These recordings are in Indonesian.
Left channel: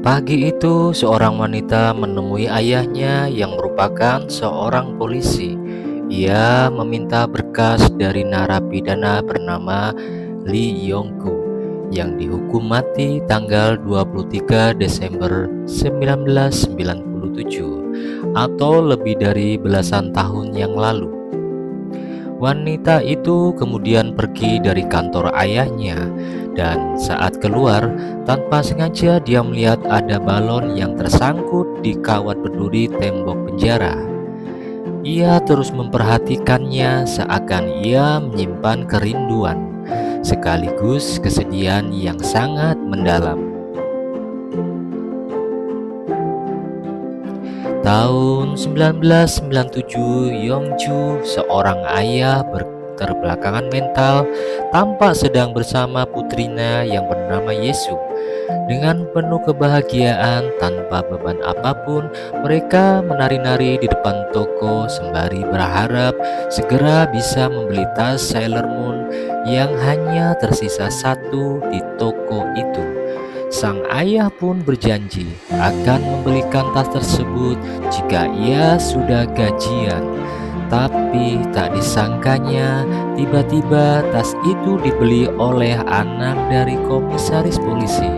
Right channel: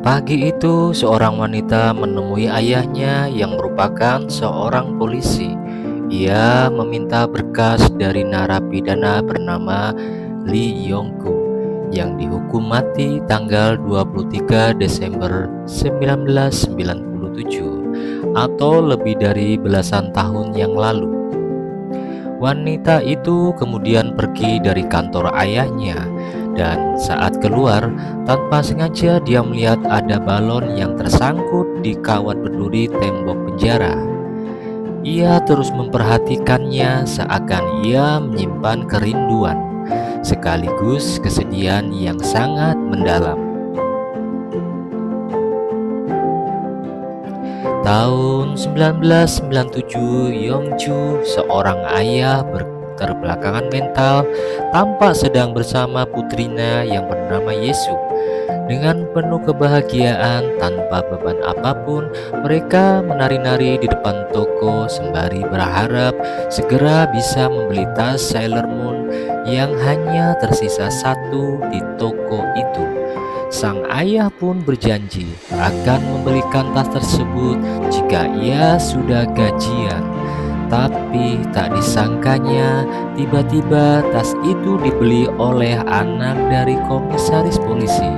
Pagi itu, seorang wanita menemui ayahnya yang merupakan seorang polisi. Ia meminta berkas dari narapidana bernama Lee Yong-gu yang dihukum mati tanggal 23 Desember 1997 atau lebih dari belasan tahun yang lalu. Wanita itu kemudian pergi dari kantor ayahnya, dan saat keluar, tanpa sengaja dia melihat ada balon yang tersangkut di kawat berduri tembok penjara. Ia terus memperhatikannya seakan ia menyimpan kerinduan, sekaligus kesedihan yang sangat mendalam. Tahun 1997, Yongju, seorang ayah berketerbelakangan mental, tampak sedang bersama putrinya yang bernama Yesu. Dengan penuh kebahagiaan tanpa beban apapun, mereka menari-nari di depan toko sembari berharap segera bisa membeli tas Sailor Moon yang hanya tersisa satu di toko itu. Sang ayah pun berjanji akan membelikan tas tersebut jika ia sudah gajian. Tapi tak disangkanya, tiba-tiba tas itu dibeli oleh anak dari komisaris polisi.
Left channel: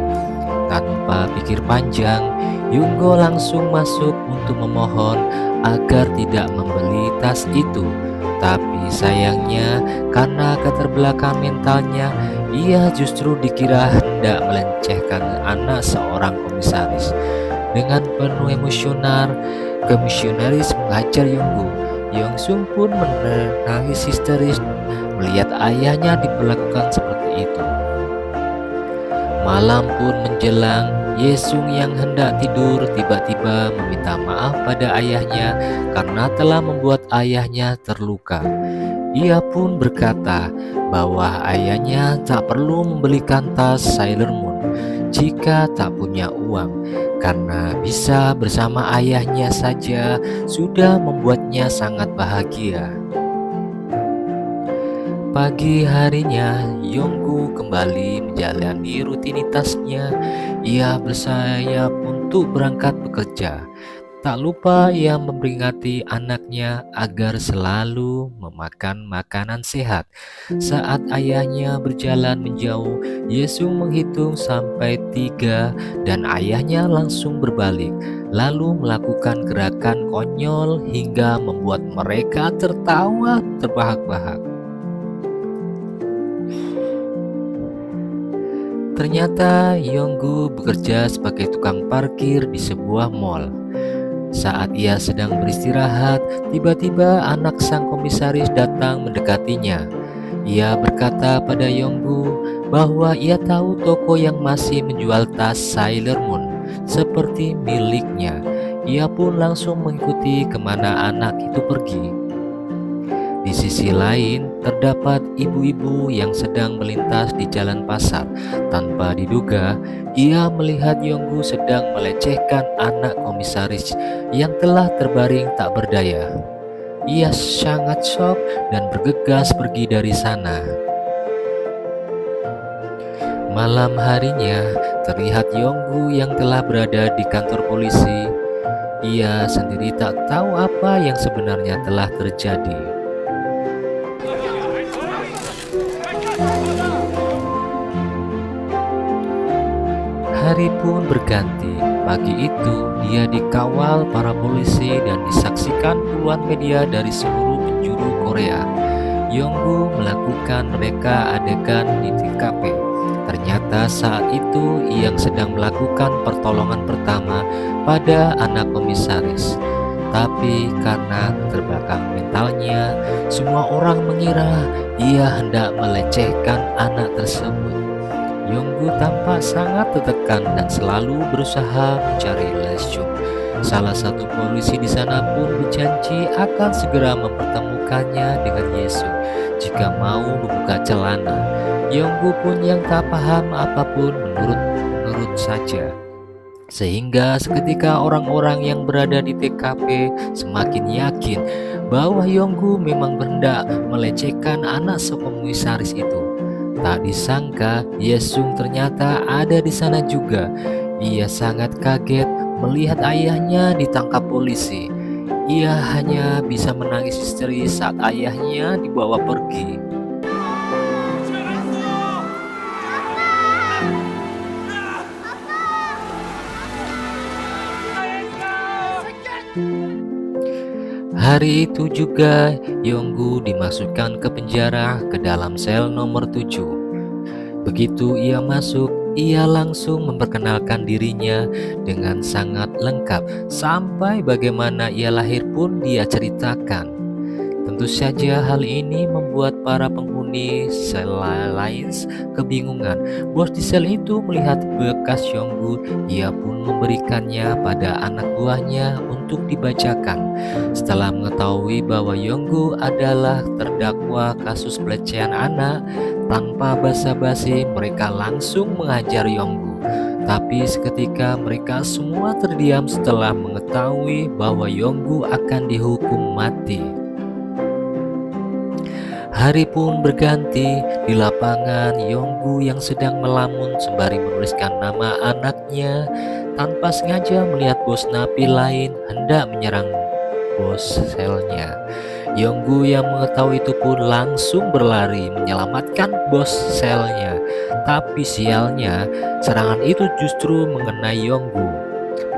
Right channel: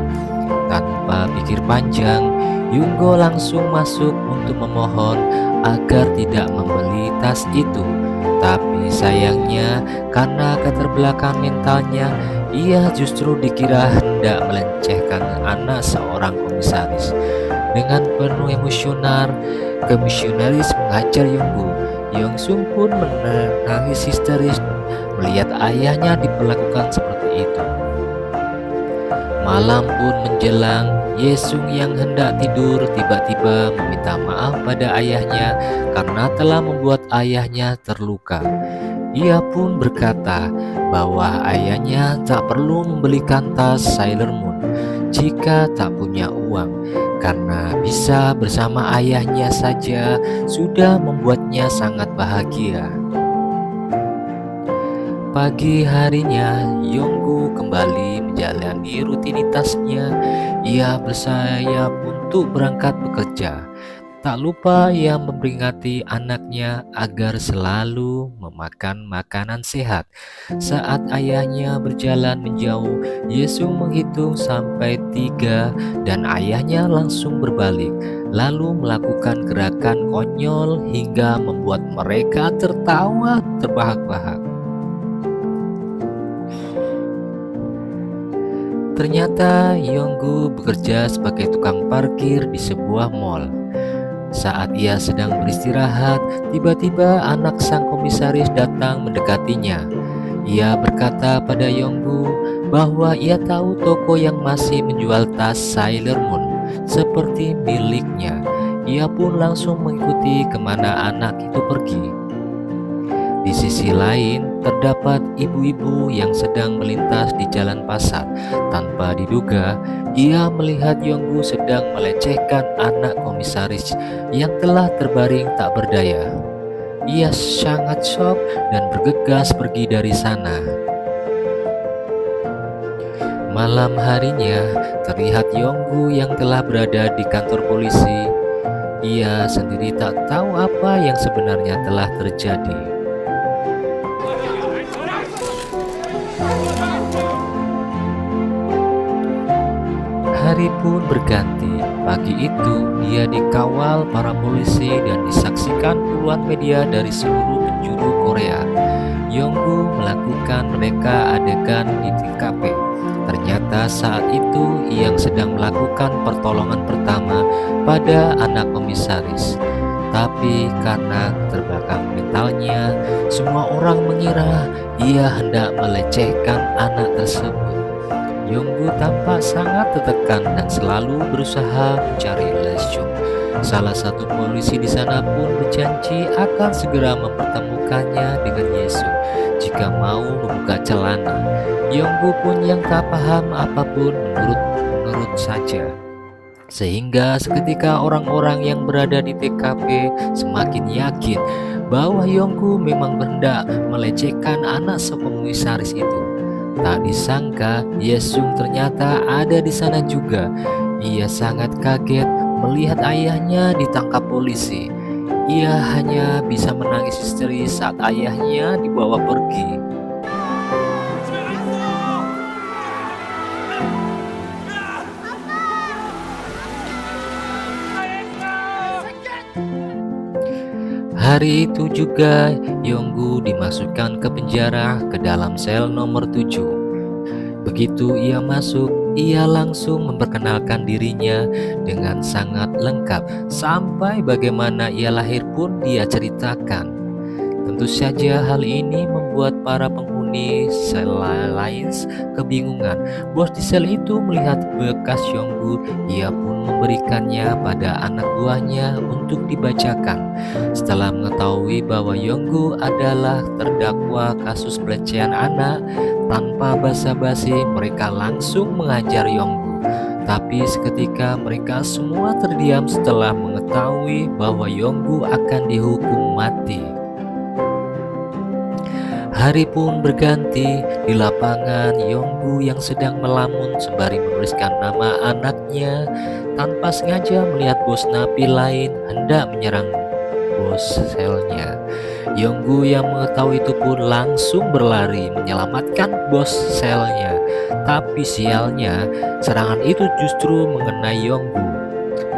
Tanpa pikir panjang, Yunggo langsung masuk untuk memohon agar tidak membeli tas itu. Tapi sayangnya, karena keterbelakangan mentalnya, ia justru dikira hendak melecehkan anak seorang komisaris. Dengan penuh emosional, komisionaris menghajar Yonggu. Yongsung pun menangis histeris melihat ayahnya diperlakukan seperti itu. Malam pun menjelang, Yesung yang hendak tidur tiba-tiba meminta maaf pada ayahnya karena telah membuat ayahnya terluka. Ia pun berkata bahwa ayahnya tak perlu membelikan tas Sailor Moon jika tak punya uang, karena bisa bersama ayahnya saja sudah membuatnya sangat bahagia. Pagi harinya, Yonggu kembali menjalani rutinitasnya. Ia bersayap untuk berangkat bekerja. Tak lupa ia memperingati anaknya agar selalu memakan makanan sehat. Saat ayahnya berjalan menjauh, Yesung menghitung sampai 3 dan ayahnya langsung berbalik, lalu melakukan gerakan konyol hingga membuat mereka tertawa terbahak-bahak. Ternyata Yonggu bekerja sebagai tukang parkir di sebuah mall. Saat ia sedang beristirahat, tiba-tiba anak sang komisaris datang mendekatinya. Ia berkata pada Yonggu bahwa ia tahu toko yang masih menjual tas Sailor Moon seperti miliknya. Ia pun langsung mengikuti kemana anak itu pergi. Di sisi lain, terdapat ibu-ibu yang sedang melintas di jalan pasar. Tanpa diduga, ia melihat Yonggu sedang melecehkan anak komisaris yang telah terbaring tak berdaya. Ia sangat shock dan bergegas pergi dari sana. Malam harinya, terlihat Yonggu yang telah berada di kantor polisi. Ia sendiri tak tahu apa yang sebenarnya telah terjadi. Hari pun berganti. Pagi itu dia dikawal para polisi dan disaksikan puluhan media dari seluruh penjuru Korea. Yonggu melakukan reka adegan di TKP. Ternyata saat itu ia sedang melakukan pertolongan pertama pada anak komisaris. Tapi karena keterbelakangan mentalnya, semua orang mengira ia hendak melecehkan anak tersebut. Yonggu tampak sangat tertekan dan selalu berusaha mencari Lesyung. Salah satu polisi di sana pun berjanji akan segera mempertemukannya dengan Yesu jika mau membuka celana. Yonggu pun yang tak paham apapun menurut saja. Sehingga seketika orang-orang yang berada di TKP semakin yakin bahwa Yonggu memang berhendak melecehkan anak sekomisaris itu. Tak disangka, Yesung ternyata ada di sana juga. Ia sangat kaget melihat ayahnya ditangkap polisi. Ia hanya bisa menangis histeris saat ayahnya dibawa pergi. Hari itu juga Yonggu dimasukkan ke penjara ke dalam sel nomor 7. Begitu ia masuk, ia langsung memperkenalkan dirinya dengan sangat lengkap, sampai bagaimana ia lahir pun dia ceritakan. Tentu saja hal ini membuat para penghuni sel lain kebingungan. Bos di sel itu melihat bekas Yonggu, ia pun memberikannya pada anak buahnya untuk dibacakan. Setelah mengetahui bahwa Yonggu adalah terdakwa kasus pelecehan anak, tanpa basa-basi mereka langsung mengajar Yonggu. Tapi seketika mereka semua terdiam setelah mengetahui bahwa Yonggu akan dihukum mati. Hari pun berganti. Di lapangan, Yonggu yang sedang melamun sembari menuliskan nama anaknya tanpa sengaja melihat bos napi lain hendak menyerang bos selnya. Yonggu yang mengetahui itu pun langsung berlari menyelamatkan bos selnya. Tapi sialnya, serangan itu justru mengenai Yonggu.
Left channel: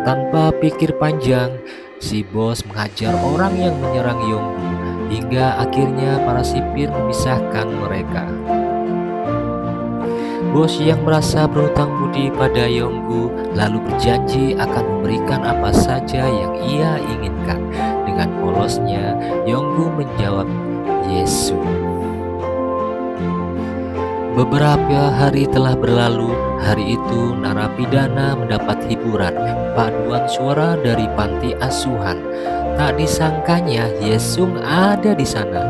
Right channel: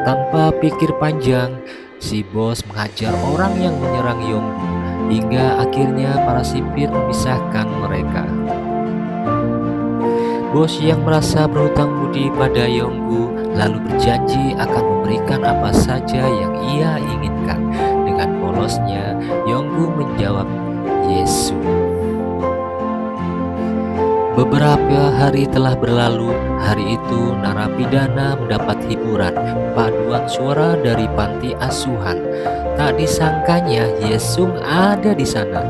Tanpa pikir panjang, si bos menghajar orang yang menyerang Yonggu, hingga akhirnya para sipir memisahkan mereka. Bos yang merasa berhutang budi pada Yonggu lalu berjanji akan memberikan apa saja yang ia inginkan. Dengan polosnya, Yonggu menjawab, "Yesus." Beberapa hari telah berlalu. Hari itu narapidana mendapat hiburan, paduan suara dari panti asuhan. Tak disangkanya Yesung ada di sana,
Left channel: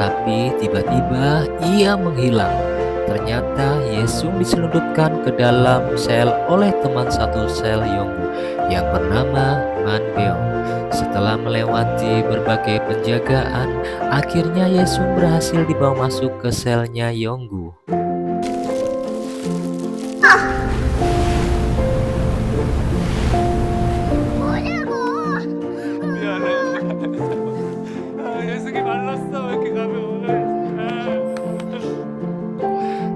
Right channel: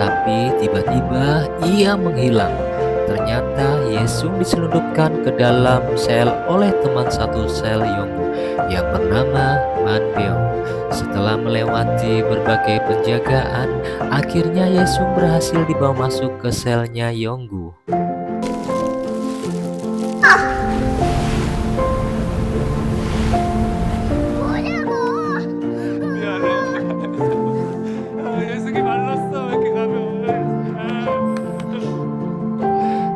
tapi tiba-tiba ia menghilang. Ternyata Yesung diselundupkan ke dalam sel oleh teman satu sel Yonggu yang bernama Man Beong. Setelah melewati berbagai penjagaan, akhirnya Yesung berhasil dibawa masuk ke selnya Yonggu. 미안해. 녀석이 말랐어. 왜 이렇게 가벼워?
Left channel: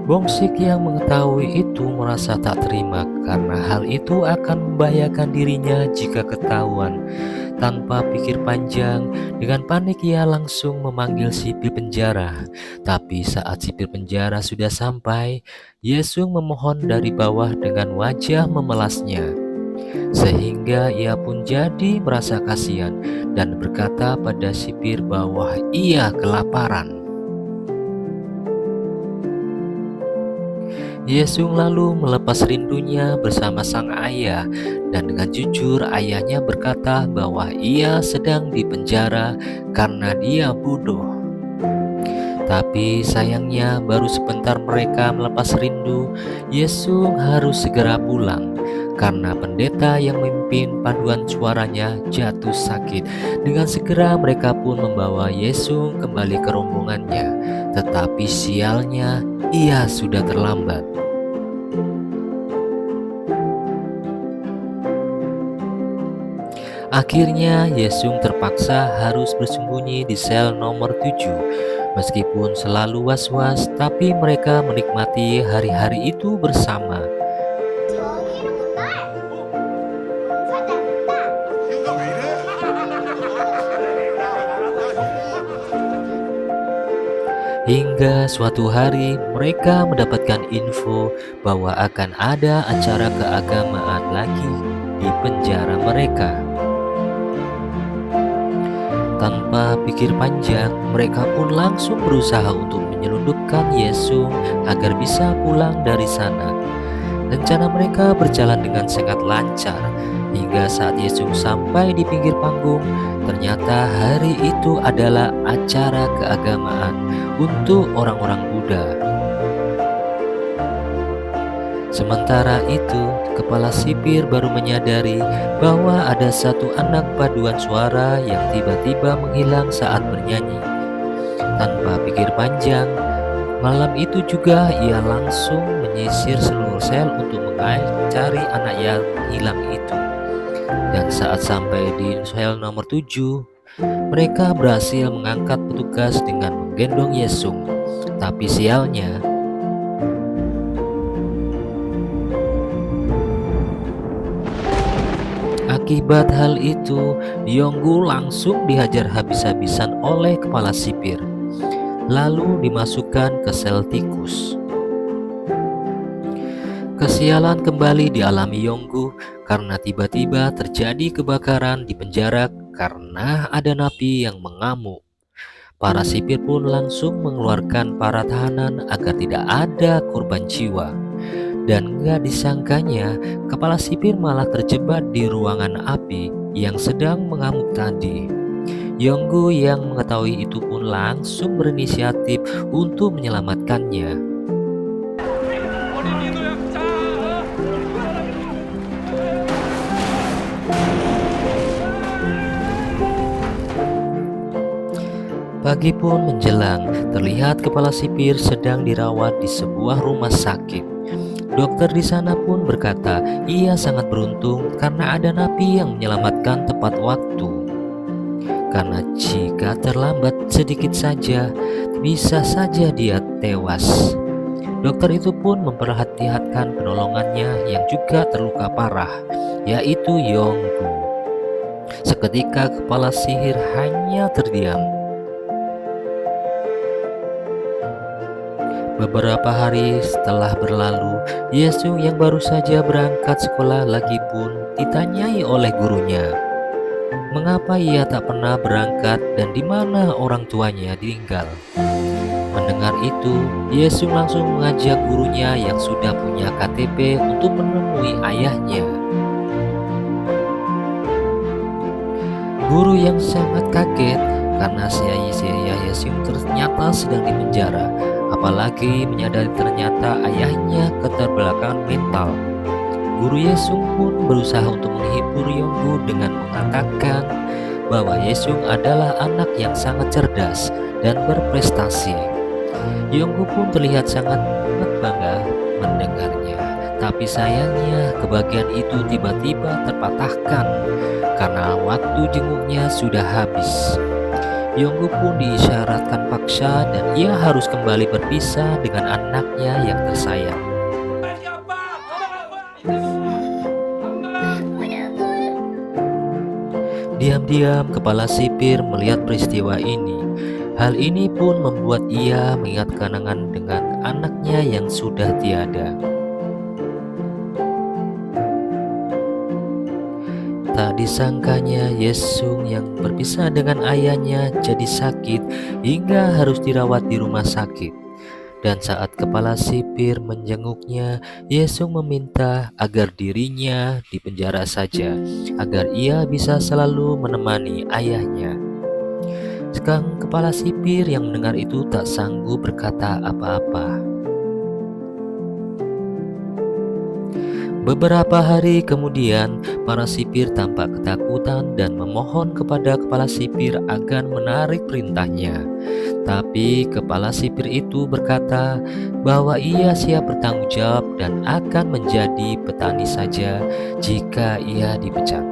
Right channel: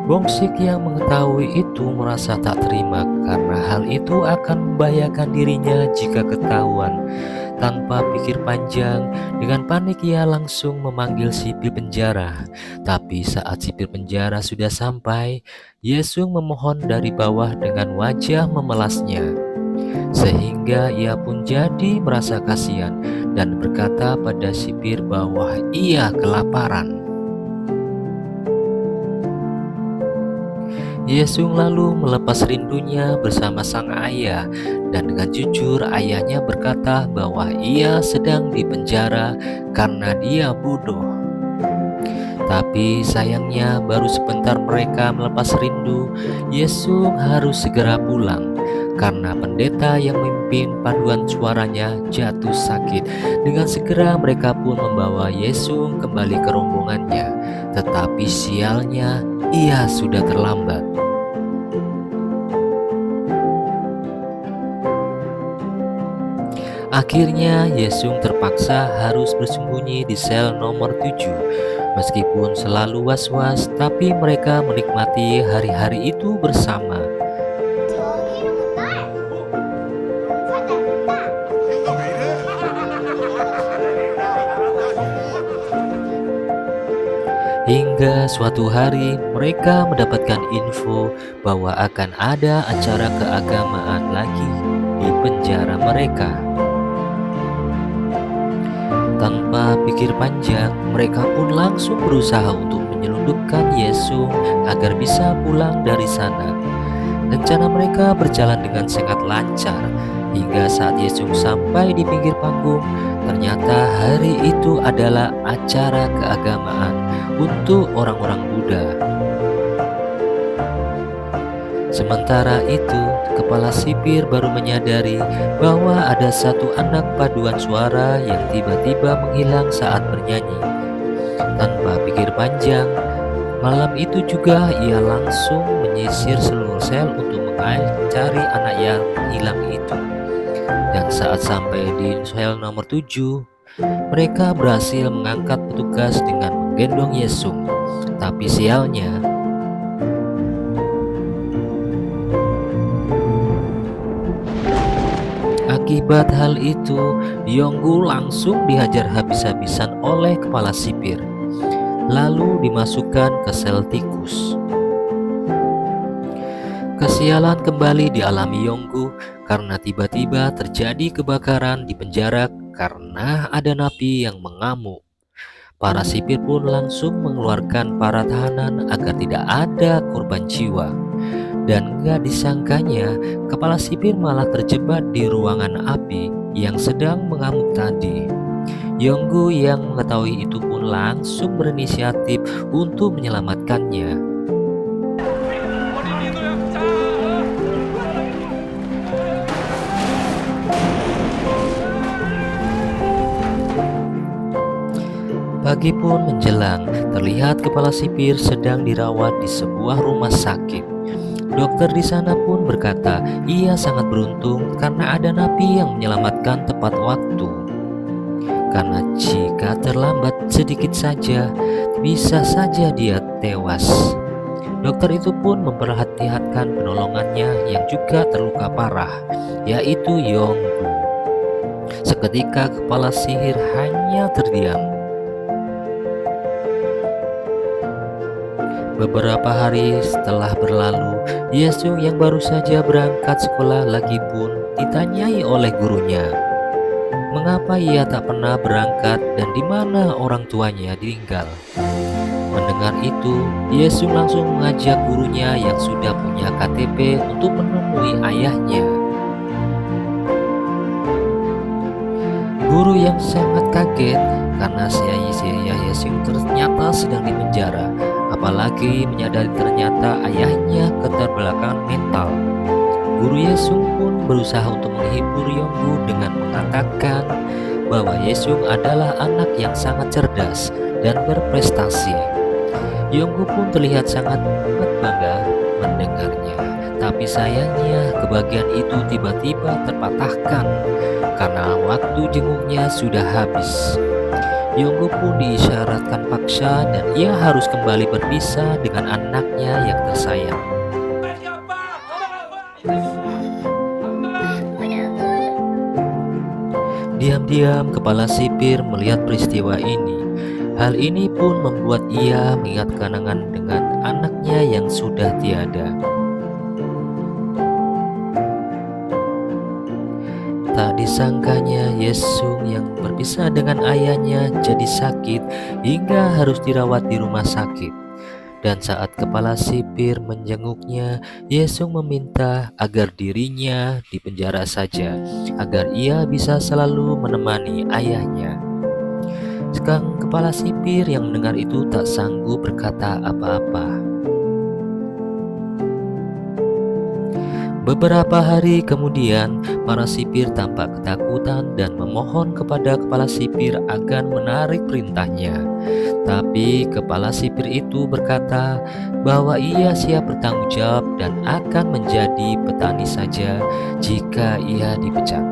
Bongsik yang mengetahui itu merasa tak terima karena hal itu akan membahayakan dirinya jika ketahuan. Tanpa pikir panjang, dengan panik ia langsung memanggil sipir penjara. Tapi saat sipir penjara sudah sampai, Yesung memohon dari bawah dengan wajah memelasnya. Sehingga ia pun jadi merasa kasihan dan berkata pada sipir bahwa ia kelaparan. Yesung lalu melepas rindunya bersama sang ayah, dan dengan jujur ayahnya berkata bahwa ia sedang dipenjara karena dia bodoh. Tapi sayangnya baru sebentar mereka melepas rindu, Yesung harus segera pulang karena pendeta yang memimpin paduan suaranya jatuh sakit. Dengan segera mereka pun membawa Yesung kembali ke rombongannya, tetapi sialnya ia sudah terlambat. Akhirnya Yesung terpaksa harus bersembunyi di sel nomor 7. Meskipun selalu was-was, tapi mereka menikmati hari-hari itu bersama. 정의로운 날 용서자입니다. 인간 왜 이래? Hingga suatu hari mereka mendapatkan info bahwa akan ada acara keagamaan lagi di penjara mereka. Tanpa pikir panjang, mereka pun langsung berusaha untuk menyelundupkan Yesung agar bisa pulang dari sana. Rencana mereka berjalan dengan sangat lancar, hingga saat Yesung sampai di pinggir panggung, ternyata hari itu adalah acara keagamaan untuk orang-orang Buddha. Sementara itu, kepala sipir baru menyadari bahwa ada satu anak paduan suara yang tiba-tiba menghilang saat bernyanyi. Tanpa pikir panjang, Malam itu juga ia langsung menyisir seluruh sel untuk mencari anak yang hilang itu. Dan saat sampai di sel nomor 7, mereka berhasil mengangkat petugas dengan menggendong Yesung. Tapi sialnya, akibat hal itu, Yonggu langsung dihajar habis-habisan oleh kepala sipir, lalu dimasukkan ke sel tikus. Kesialan kembali dialami Yonggu karena tiba-tiba terjadi kebakaran di penjara karena ada napi yang mengamuk. Para sipir pun langsung mengeluarkan para tahanan agar tidak ada korban jiwa. Dan gak disangkanya, kepala sipir malah terjebak di ruangan api yang sedang mengamuk tadi. Yonggu yang mengetahui itu pun langsung berinisiatif untuk menyelamatkannya. Pagi pun menjelang, terlihat kepala sipir sedang dirawat di sebuah rumah sakit. Dokter di sana pun berkata, ia sangat beruntung karena ada napi yang menyelamatkan tepat waktu. Karena jika terlambat sedikit saja, bisa saja dia tewas. Dokter itu pun memperhatikan penolongannya yang juga terluka parah, yaitu Yonggu. Seketika kepala sihir hanya terdiam. Beberapa hari setelah berlalu, Yesung yang baru saja berangkat sekolah lagi pun ditanyai oleh gurunya, mengapa ia tak pernah berangkat dan di mana orang tuanya tinggal. Mendengar itu, Yesung langsung mengajak gurunya yang sudah punya KTP untuk menemui ayahnya. Guru yang sangat kaget karena si ayah Yesung ternyata sedang dipenjara, apalagi menyadari ternyata ayahnya keterbelakangan mental. Guru Yesung pun berusaha untuk menghibur Yonggu dengan mengatakan bahwa Yesung adalah anak yang sangat cerdas dan berprestasi. Yonggu pun terlihat sangat bangga mendengarnya, tapi sayangnya kebahagiaan itu tiba-tiba terpatahkan karena waktu jenguknya sudah habis. Yonggu pun diisyaratkan paksa dan ia harus kembali berpisah dengan anaknya yang tersayang. Diam-diam kepala sipir melihat peristiwa ini. Hal ini pun membuat ia mengingat kenangan dengan anaknya yang sudah tiada. Tak disangkanya Yesung yang berpisah dengan ayahnya jadi sakit hingga harus dirawat di rumah sakit. Dan saat kepala sipir menjenguknya, Yesung meminta agar dirinya dipenjara saja, agar ia bisa selalu menemani ayahnya. Sekarang kepala sipir yang mendengar itu tak sanggup berkata apa-apa. Beberapa hari kemudian, para sipir tampak ketakutan dan memohon kepada kepala sipir agar menarik perintahnya. Tapi kepala sipir itu berkata bahwa ia siap bertanggung jawab dan akan menjadi petani saja jika ia dipecat.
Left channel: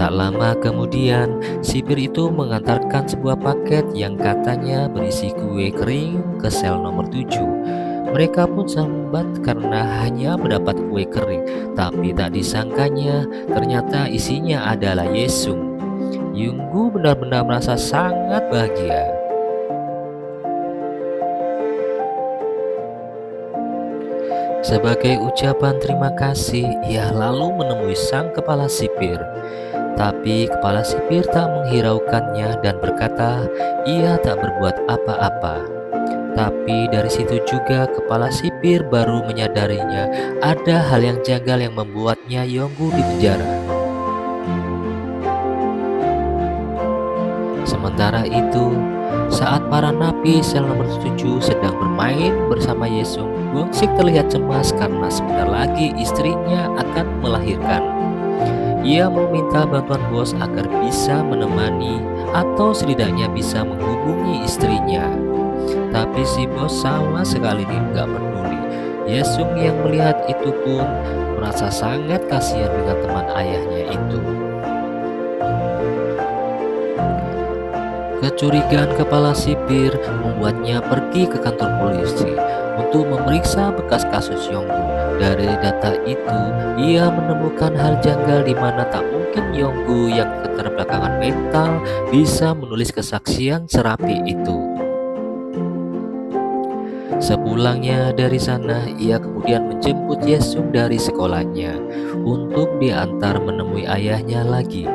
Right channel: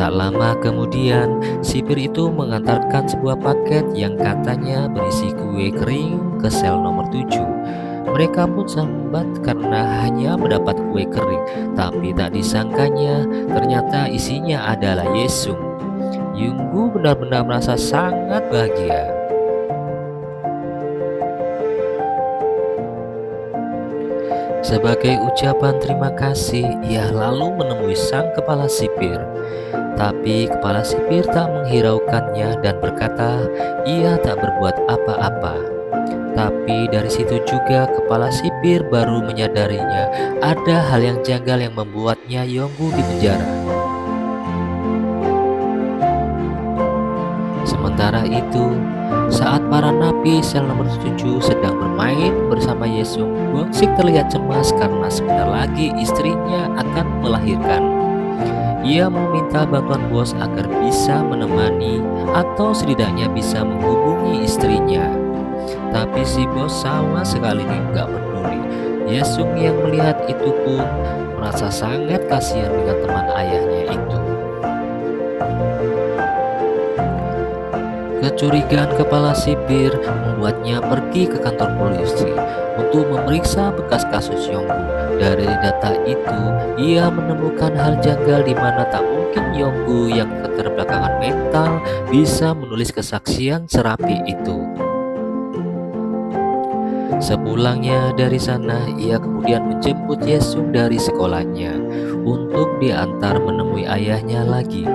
Tak lama kemudian, sipir itu mengantarkan sebuah paket yang katanya berisi kue kering ke sel nomor 7. Mereka pun sambat karena hanya mendapat kue kering, tapi tak disangkanya ternyata isinya adalah Yesung. Yonggu benar-benar merasa sangat bahagia. Sebagai ucapan terima kasih, ia lalu menemui sang kepala sipir. Tapi kepala sipir tak menghiraukannya dan berkata ia tak berbuat apa-apa. Tapi dari situ juga kepala sipir baru menyadarinya ada hal yang janggal yang membuatnya Yonggu dipenjara. Sementara itu, saat para napi sel nomor 7 sedang bermain bersama Yesung, Bongsik terlihat cemas karena sebentar lagi istrinya akan melahirkan. Ia meminta bantuan bos agar bisa menemani atau setidaknya bisa menghubungi istrinya. Tapi si bos sama sekali nggak peduli. Yesung yang melihat itu pun merasa sangat kasihan dengan teman ayahnya itu. Kecurigaan kepala sipir membuatnya pergi ke kantor polisi untuk memeriksa bekas kasus Yonggu. Dari data itu, ia menemukan hal janggal di mana tak mungkin Yonggu yang keterbelakangan mental bisa menulis kesaksian serapi itu. Sepulangnya dari sana, ia kemudian menjemput Yesung dari sekolahnya untuk diantar menemui ayahnya lagi.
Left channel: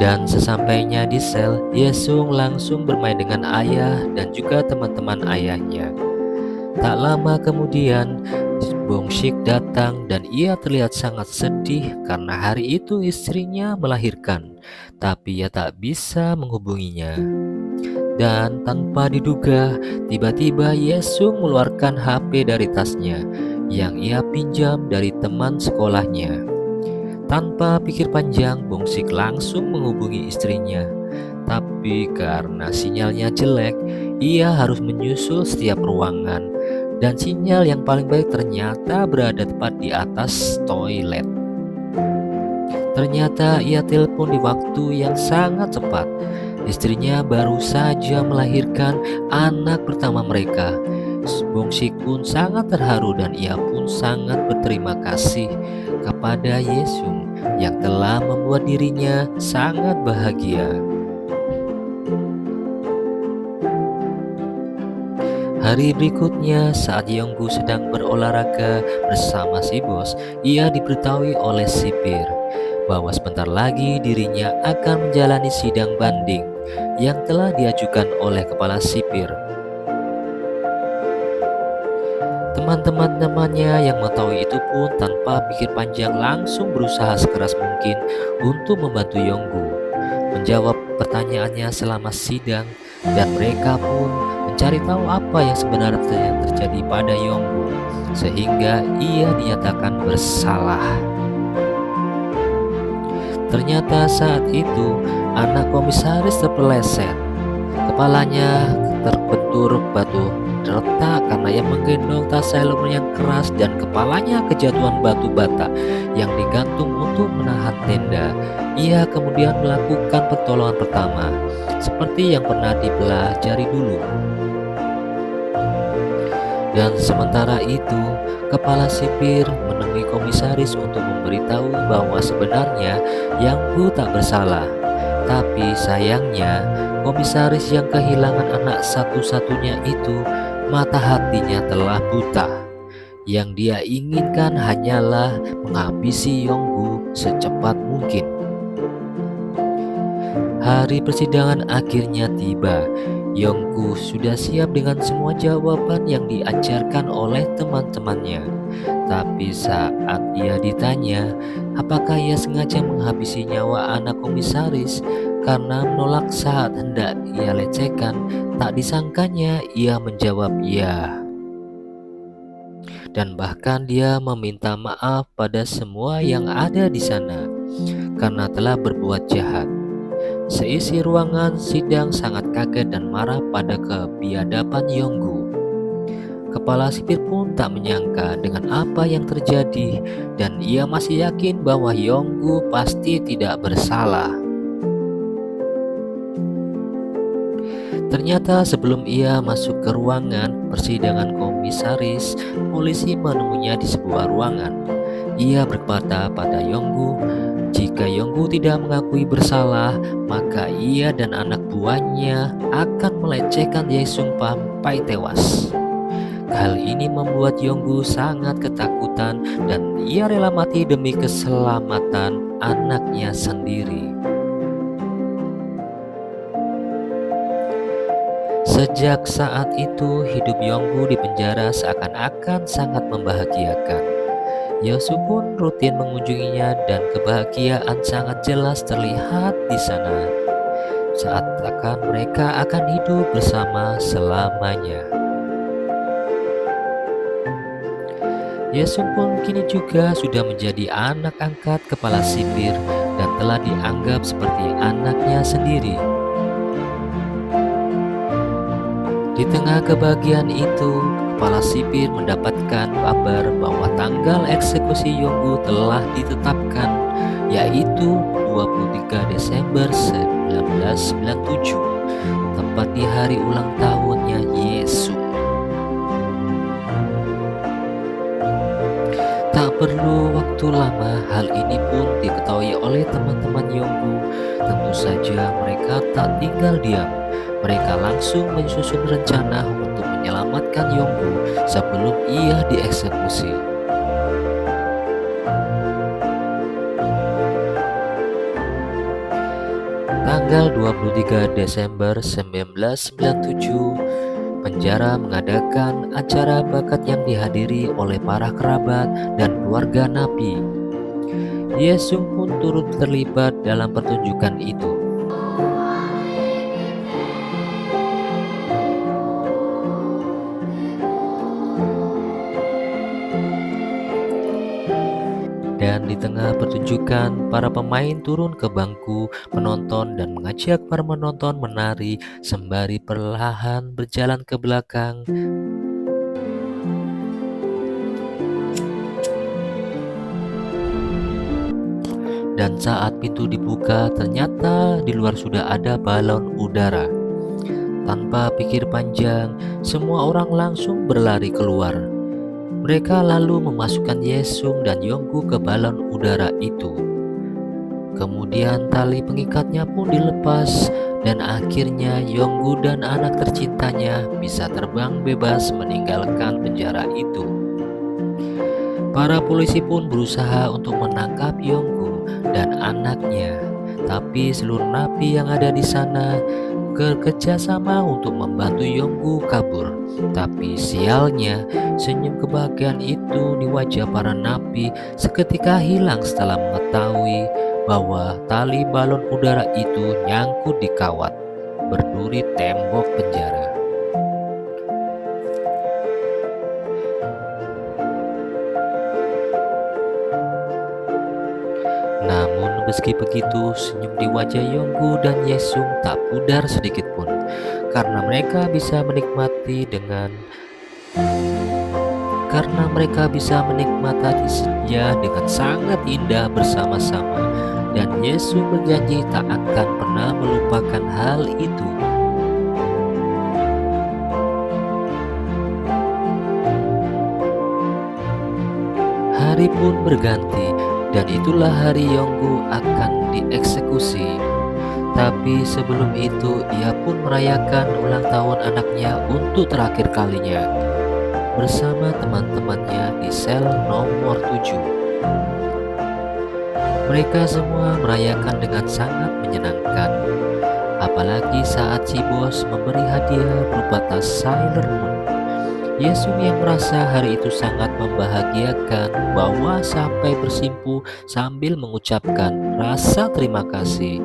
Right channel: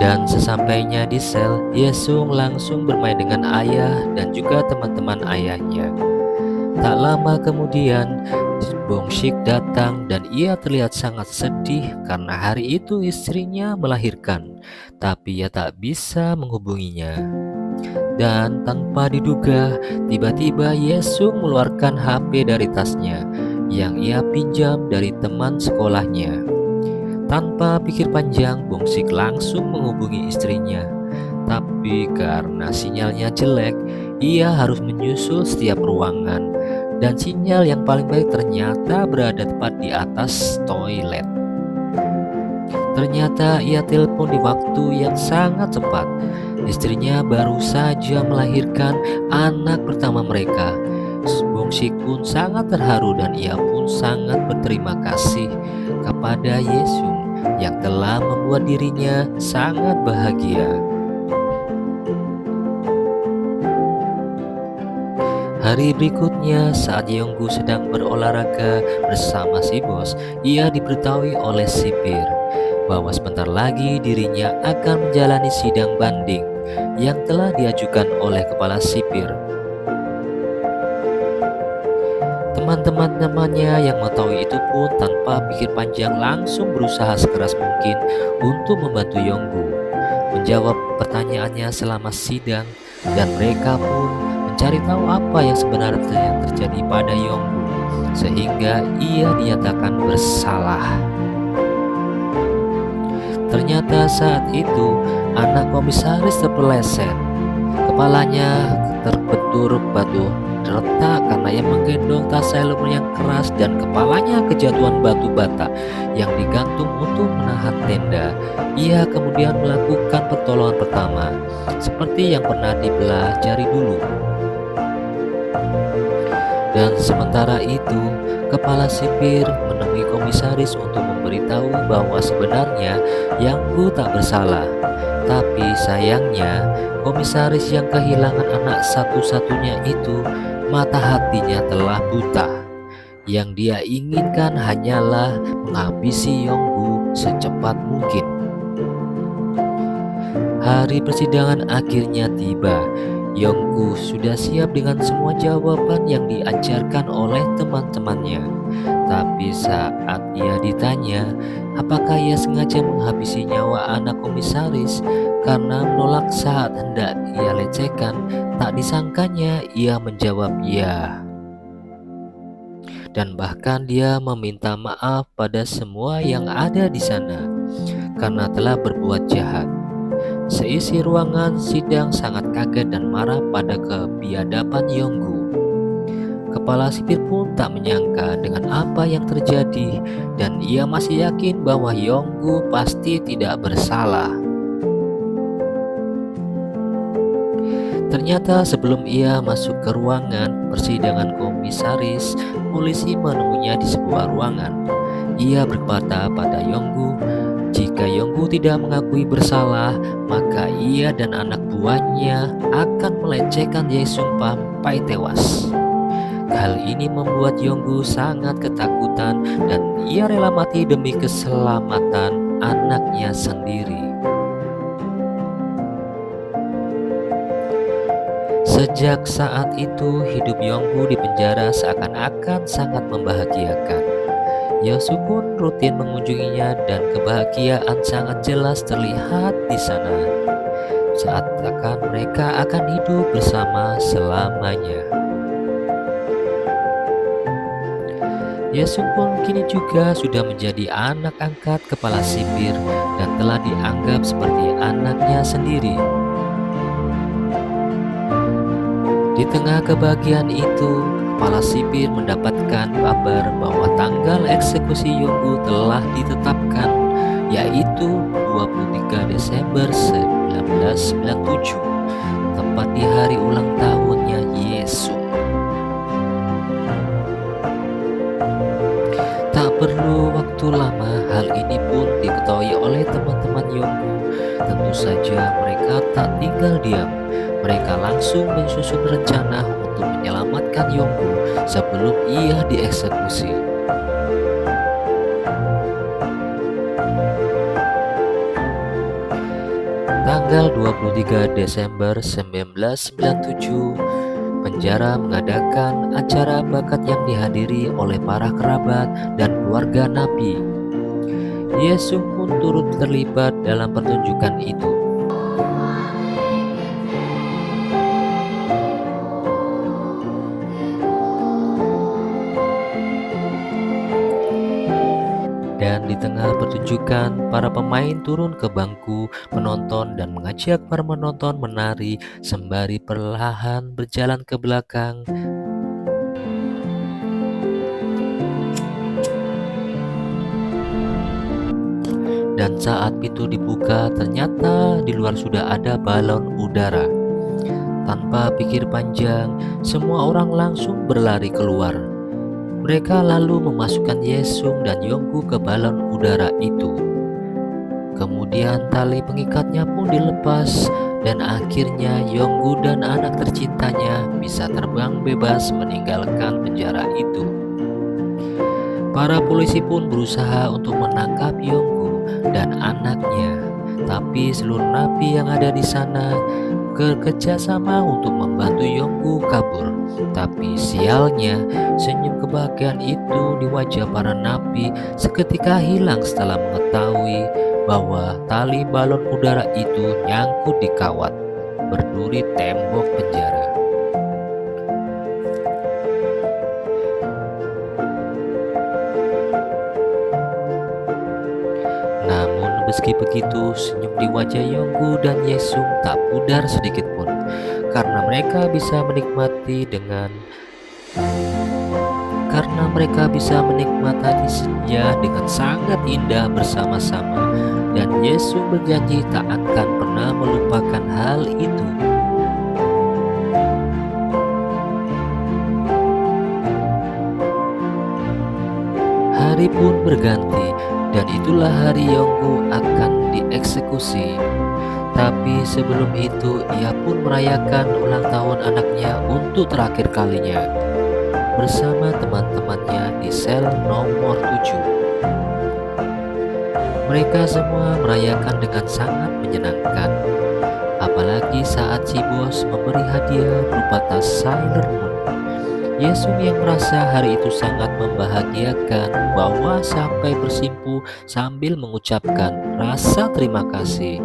Dan sesampainya di sel, Yesung langsung bermain dengan ayah dan juga teman-teman ayahnya. Tak lama kemudian, Bongsik datang dan ia terlihat sangat sedih karena hari itu istrinya melahirkan, tapi ia tak bisa menghubunginya. Dan tanpa diduga, tiba-tiba Yesung mengeluarkan HP dari tasnya yang ia pinjam dari teman sekolahnya. Tanpa pikir panjang, Bongsik langsung menghubungi istrinya. Tapi karena sinyalnya jelek, ia harus menyusul setiap ruangan. Dan sinyal yang paling baik ternyata berada tepat di atas toilet. Ternyata ia telepon di waktu yang sangat cepat. Istrinya baru saja melahirkan anak pertama mereka. Bongsik pun sangat terharu dan ia pun sangat berterima kasih kepada Yesung yang telah membuat dirinya sangat bahagia. Hari berikutnya, saat Yonggu sedang berolahraga bersama si bos, ia diberitahui oleh sipir bahwa sebentar lagi dirinya akan menjalani sidang banding yang telah diajukan oleh kepala sipir. Teman-teman-temannya yang mengetahui itu pun tanpa pikir panjang langsung berusaha sekeras mungkin untuk membantu Yonggu menjawab pertanyaannya selama sidang, dan mereka pun mencari tahu apa yang sebenarnya terjadi pada Yonggu sehingga ia dinyatakan bersalah. Ternyata saat itu anak komisaris terpeleset, kepalanya terbentur batu retak karena ia menggendong tas helm yang keras dan kepalanya kejatuhan batu bata yang digantung untuk menahan tenda. Ia kemudian melakukan pertolongan pertama seperti yang pernah dipelajari dulu. Dan sementara itu, kepala sipir menemui komisaris untuk memberitahu bahwa sebenarnya Yonggu tak bersalah. Tapi sayangnya, komisaris yang kehilangan anak satu-satunya itu, mata hatinya telah buta. Yang dia inginkan hanyalah menghabisi Yonggu secepat mungkin. Hari persidangan akhirnya tiba. Yonggu sudah siap dengan semua jawaban yang diajarkan oleh teman-temannya. Tapi saat ia ditanya apakah ia sengaja menghabisi nyawa anak komisaris karena menolak saat hendak ia lecehkan, tak disangkanya ia menjawab ya. Dan bahkan dia meminta maaf pada semua yang ada di sana karena telah berbuat jahat. Seisi ruangan sidang sangat kaget dan marah pada kebiadaban Yonggu. Kepala sipir pun tak menyangka dengan apa yang terjadi dan ia masih yakin bahwa Yonggu pasti tidak bersalah. Ternyata sebelum ia masuk ke ruangan persidangan komisaris, polisi menemuinya di sebuah ruangan. Ia berkata pada Yonggu, jika Yonggu tidak mengakui bersalah, maka ia dan anak buahnya akan melecehkan Yesung sampai tewas. Hal ini membuat Yonggu sangat ketakutan dan ia rela mati demi keselamatan anaknya sendiri. Sejak saat itu, hidup Yonggu di penjara seakan-akan sangat membahagiakan. Yosu pun rutin mengunjunginya dan kebahagiaan sangat jelas terlihat di sana. Seakan mereka akan hidup bersama selamanya. Yesung pun kini juga sudah menjadi anak angkat kepala sipir dan telah dianggap seperti anaknya sendiri. Di tengah kebahagiaan itu, kepala sipir mendapatkan kabar bahwa tanggal eksekusi Yonggu telah ditetapkan, yaitu 23 Desember 1997, tepat di hari ulang tahunnya Yesus. Tak perlu waktu lama, hal ini pun diketahui oleh teman-teman Yonggu. Tentu saja mereka tak tinggal diam. Mereka langsung menyusun rencana untuk menyelamatkan Yonggu sebelum ia dieksekusi. Tanggal 23 Desember 1997, penjara mengadakan acara bakat yang dihadiri oleh para kerabat dan keluarga Nabi. Yesus pun turut terlibat dalam pertunjukan itu. Dan di tengah pertunjukan, para pemain turun ke bangku penonton dan mengajak para penonton menari sembari perlahan berjalan ke belakang. Dan saat pintu dibuka, ternyata di luar sudah ada balon udara. Tanpa pikir panjang, semua orang langsung berlari keluar. Mereka lalu memasukkan Yesung dan Yonggu ke balon udara itu. Kemudian tali pengikatnya pun dilepas dan akhirnya Yonggu dan anak tercintanya bisa terbang bebas meninggalkan penjara itu. Para polisi pun berusaha untuk menangkap Yonggu dan anaknya, tapi seluruh napi yang ada di sana bekerja sama untuk membantu Yonggu kabur. Tapi sialnya, senyum kebahagiaan itu di wajah para napi seketika hilang setelah mengetahui bahwa tali balon udara itu nyangkut di kawat berduri tembok penjara. Namun meski begitu, senyum di wajah Yonggu dan Yesung tak pudar sedikit pun, karena mereka bisa menikmati senja dengan sangat indah bersama-sama, dan Yesus berjanji tak akan pernah melupakan hal itu. Hari pun berganti, dan itulah hari Yonggu akan dieksekusi. Tapi sebelum itu, ia pun merayakan ulang tahun anaknya untuk terakhir kalinya bersama teman-temannya di sel nomor 7. Mereka semua merayakan dengan sangat menyenangkan, apalagi saat si bos memberi hadiah berupa tas Sailor Moon. Yesus yang merasa hari itu sangat membahagiakan, bahwa sampai bersimpuh sambil mengucapkan rasa terima kasih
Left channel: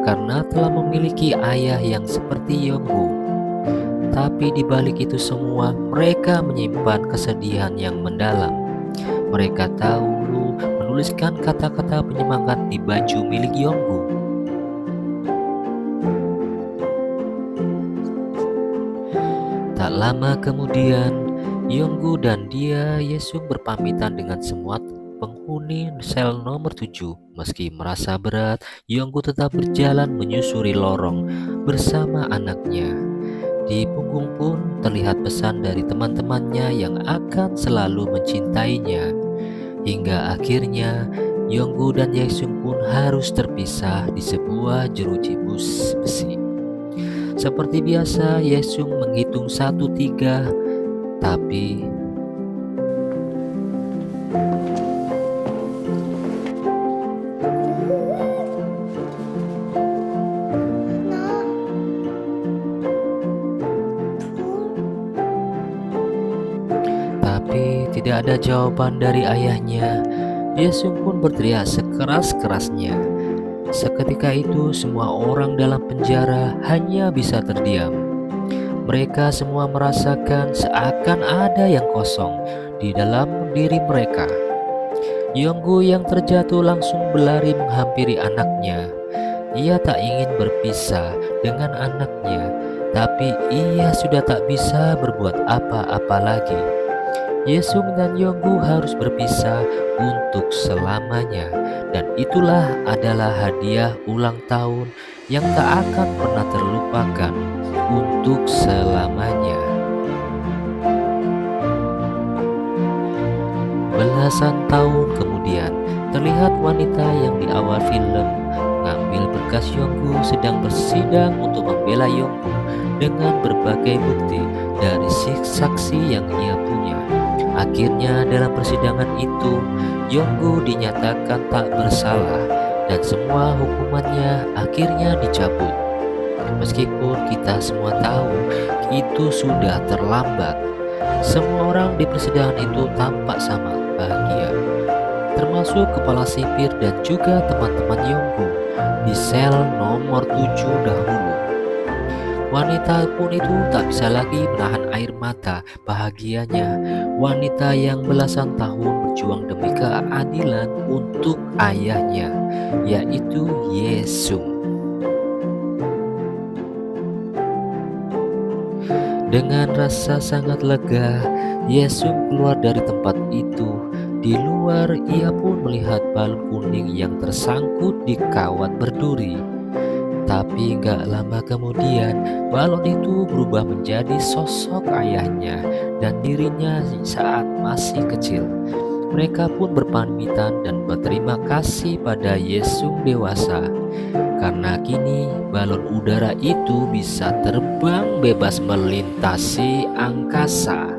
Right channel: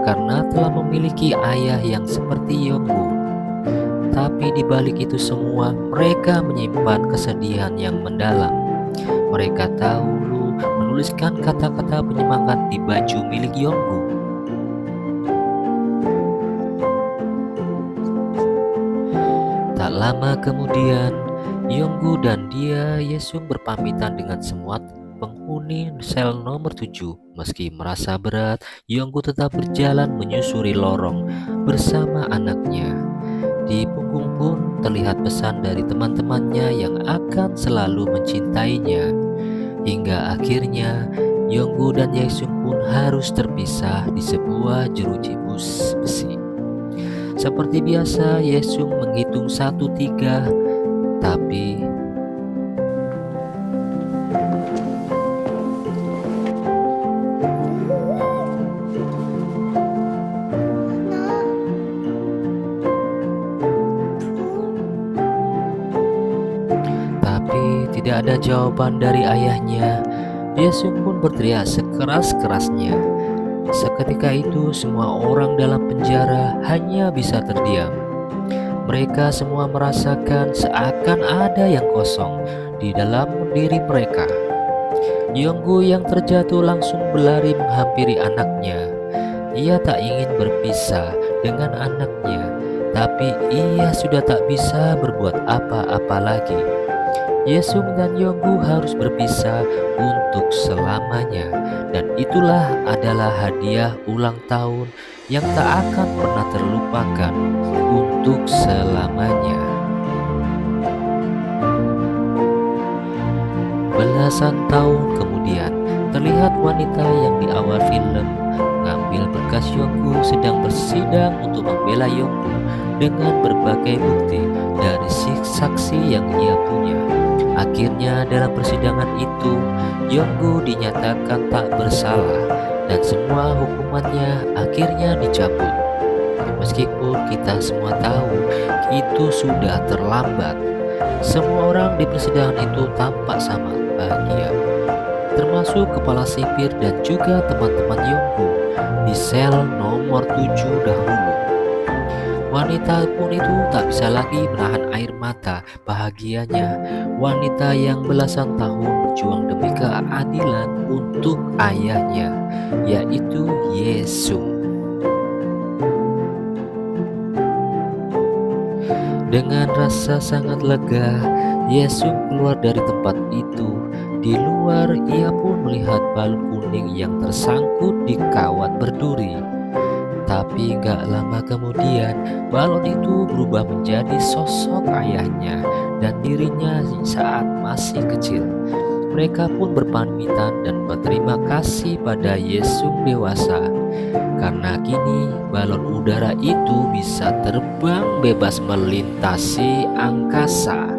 karena telah memiliki ayah yang seperti Yonggu. Tapi di balik itu semua, mereka menyimpan kesedihan yang mendalam. Mereka tahu menuliskan kata-kata penyemangat di baju milik Yonggu. Tak lama kemudian, Yonggu dan Yesung berpamitan dengan semua penghuni sel nomor 7. Meski merasa berat, Yonggu tetap berjalan menyusuri lorong bersama anaknya. Di punggung pun terlihat pesan dari teman-temannya yang akan selalu mencintainya. Hingga akhirnya Yonggu dan Yesung pun harus terpisah di sebuah jeruji besi. Seperti biasa, Yesung menghitung 1-3, tapi tidak ada jawaban dari ayahnya. Yesung pun berteriak sekeras-kerasnya. Seketika itu semua orang dalam penjara hanya bisa terdiam. Mereka semua merasakan seakan ada yang kosong di dalam diri mereka. Yonggu yang terjatuh langsung berlari menghampiri anaknya. Ia tak ingin berpisah dengan anaknya. tapi ia sudah tak bisa berbuat apa-apa lagi. Yesung dan Yonggu harus berpisah untuk selamanya, dan itulah adalah hadiah ulang tahun yang tak akan pernah terlupakan untuk selamanya. Belasan tahun kemudian, terlihat wanita yang di awal film mengambil berkas Yonggu sedang bersidang untuk membela Yonggu dengan berbagai bukti dari saksi yang ia punya. Akhirnya dalam persidangan itu, Yonggu dinyatakan tak bersalah dan semua hukumannya akhirnya dicabut. Meskipun kita semua tahu itu sudah terlambat. Semua orang di persidangan itu tampak sangat bahagia, termasuk kepala sipir dan juga teman-teman Yonggu di sel nomor 7 dahulu. Wanita pun itu tak bisa lagi menahan air mata bahagianya. Wanita yang belasan tahun berjuang demi keadilan untuk ayahnya, yaitu Yesung. Dengan rasa sangat lega, Yesung keluar dari tempat itu. Di luar, ia pun melihat balon kuning yang tersangkut di kawat berduri. Tapi gak lama kemudian, balon itu berubah menjadi sosok ayahnya dan dirinya saat masih kecil. Mereka pun berpamitan dan berterima kasih pada Yesung dewasa, karena kini balon udara itu bisa terbang bebas melintasi angkasa.